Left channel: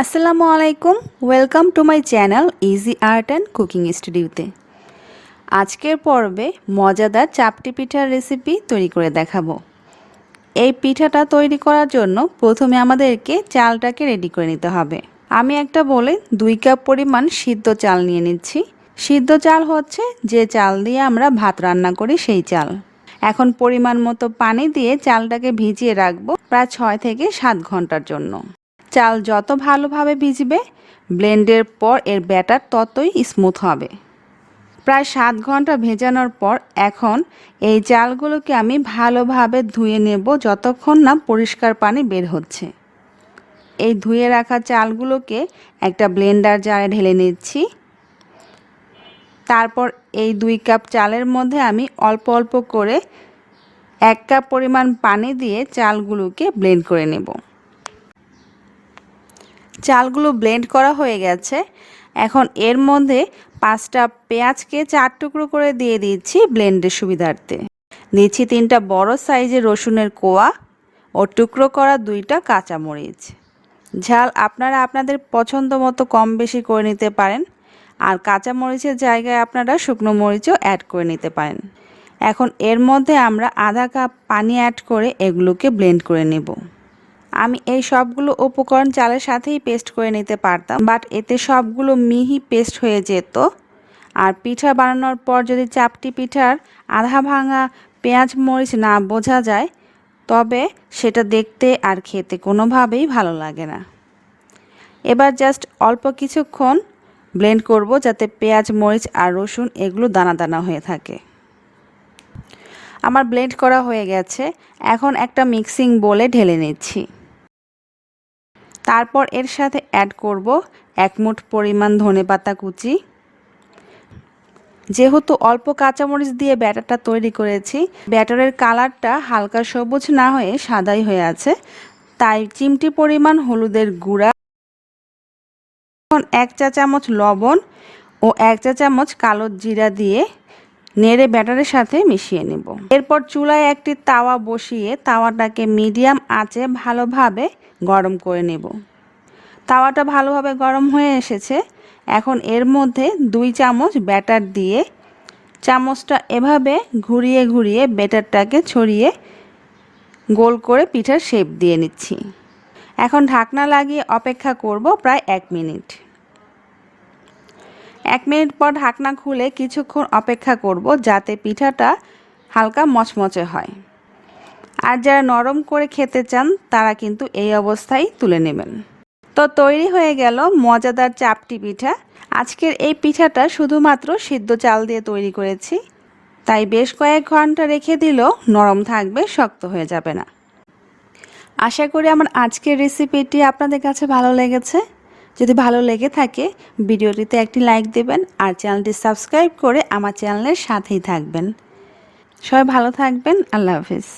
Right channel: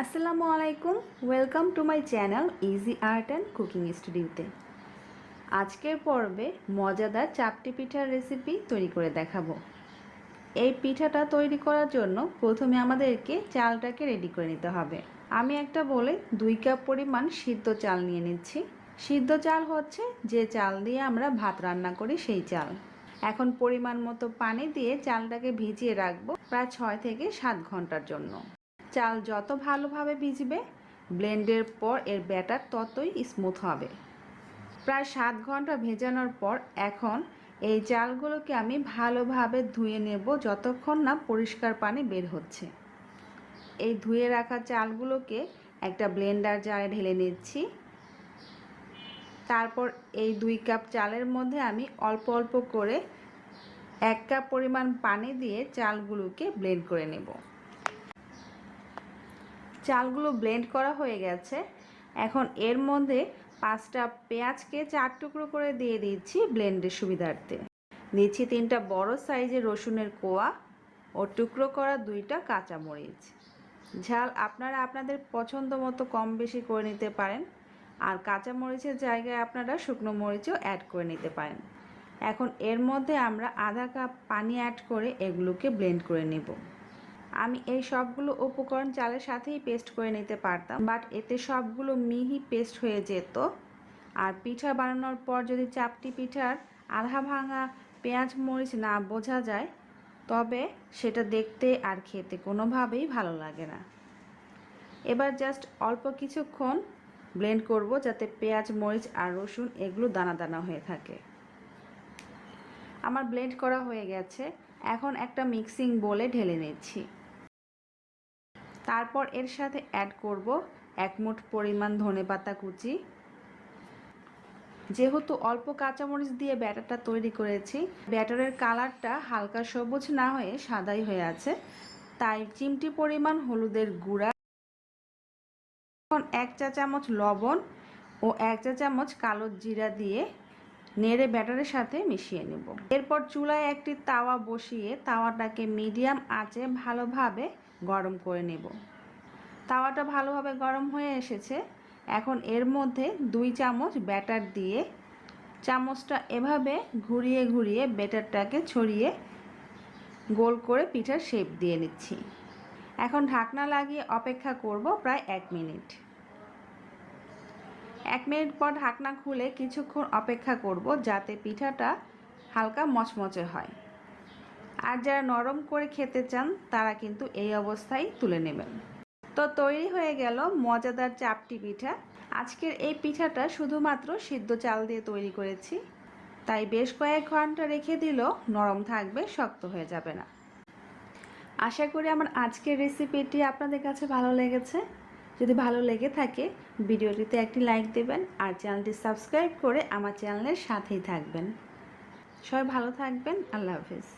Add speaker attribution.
Speaker 1: আসসালামু আলাইকুম। Welcome to my channel easy art and cooking স্টুডিওতে আজকের পর্বে মজাদার চাপটি পিঠার রেসিপি তৈরি করে দেখাবো। এই পিঠাটা তৈরি করার জন্য প্রথমে আমাদেরকে চালটাকে রেডি করে নিতে হবে। আমি একটা বলে দুই কাপ পরিমাণ সিদ্ধ চাল নিয়ে নিচ্ছি। সিদ্ধ চাল হচ্ছে যে চাল দিয়ে আমরা ভাত রান্না করি, সেই চাল। এখন পরিমাণ মতো পানি দিয়ে চালটাকে ভিজিয়ে রাখব প্রায় ছয় থেকে সাত ঘণ্টার জন্য। চাল যত ভালোভাবে ভিজবে, ব্লেন্ডের পর এর ব্যাটার ততই স্মুথ হবে। প্রায় সাত ঘণ্টা ভেজানোর পর এখন এই চালগুলোকে আমি ভালোভাবে ধুয়ে নেব যতক্ষণ না পরিষ্কার পানি বের হচ্ছে। এই ধুয়ে রাখা চালগুলোকে একটা ব্লেন্ডার জারে ঢেলে নিচ্ছি। তারপর এই দুই কাপ চালের মধ্যে আমি অল্প অল্প করে এক কাপ পরিমাণ পানি দিয়ে চালগুলোকে ব্লেন্ড করে নেব। চালগুলো ব্লেন্ড করা হয়ে গেছে। এখন এর মধ্যে পাঁচটা পেঁয়াজকে চার টুকরো করে দিয়ে দিচ্ছি ব্লেন্ডের সুবিধার্থে। দিচ্ছি তিনটা বড় সাইজের রসুনের কোয়া ও টুকরো করা দুইটা কাঁচামরিচ। ঝাল আপনারা আপনাদের পছন্দ মতো কম বেশি করে নিতে পারেন আর কাঁচামরিচের জায়গায় আপনারা শুকনো মরিচও অ্যাড করে নিতে পারেন। এখন এর মধ্যে আমরা আধা কাপ পানি অ্যাড করে এগুলোকে ব্লেন্ড করে নেব। আমি এই সবগুলো উপকরণ চালের সাথেই পেস্ট করে নিতে পারতাম, বাট এতে সবগুলো মিহি পেস্ট হয়ে যেত। আর পিঠা বানানোর পর যদি চাপটি পিঠার আধা ভাঙা পেঁয়াজ মরিচ না বোঝা যায়, তবে সেটা দেখতে আর খেতে কোনোভাবেই ভালো লাগে না। এবার জাস্ট অল্প কিছুক্ষণ ব্লেন্ড করব যাতে পেঁয়াজ, মরিচ আর রসুন এগুলো দানা দানা হয়ে থাকে। আমার ব্লেন্ড করা হয়ে গেছে, এখন একটা মিক্সিং বলে ঢেলে নিচ্ছি। তারপর এর সাথে অ্যাড করব এক মুঠ পরিমাণ ধনে পাতা কুচি। যেহেতু অল্প কাঁচামরিচ দিয়ে ব্যাটারটা তৈরি করেছি, ব্যাটারের কালারটা হালকা সবুজ না হয়ে সাদাই হয়ে আছে, তাই চিমটি পরিমাণ হলুদের গুঁড়া এক চা চামচ লবণ ও এক চা চামচ কালো জিরা দিয়ে নেড়ে ব্যাটারের সাথে মিশিয়ে নেব। এরপর চুলায় একটি তাওয়া বসিয়ে তাওয়াটাকে মিডিয়াম আঁচে ভালোভাবে গরম করে নেব। তাওয়াটা ভালোভাবে গরম হয়ে এসেছে। এখন এর মধ্যে দুই চামচ ব্যাটার দিয়ে চামচটা এভাবে ঘুরিয়ে ঘুরিয়ে ব্যাটারটাকে ছড়িয়ে গোল করে পিঠার শেপ দিয়ে নিচ্ছি। এখন ঢাকনা লাগিয়ে অপেক্ষা করব প্রায় এক মিনিট। এক মিনিট পর ঢাকনা খুলে কিছুক্ষণ অপেক্ষা করব যাতে পিঠাটা হালকা মচমচে হয়। আর যারা নরম করে খেতে চান, তারা কিন্তু এই অবস্থায় তুলে নেবেন। তো তৈরি হয়ে গেল মজাদার চাপটি পিঠা। আজকের এই পিঠাটা শুধুমাত্র সিদ্ধ চাল দিয়ে তৈরি করেছি। তাই বেশ কয়েক ঘণ্টা রেখে দিলেও নরম থাকবে, শক্ত হয়ে যাবে না। আশা করি আমার আজকের রেসিপিটি আপনাদের কাছে ভালো লেগেছে। যদি ভালো লেগে থাকে, ভিডিওটিতে একটি লাইক দেবেন আর চ্যানেলটি সাবস্ক্রাইব করে আমার চ্যানেলের সাথেই থাকবেন। সবাই ভালো থাকবেন, আল্লাহ হাফিজ।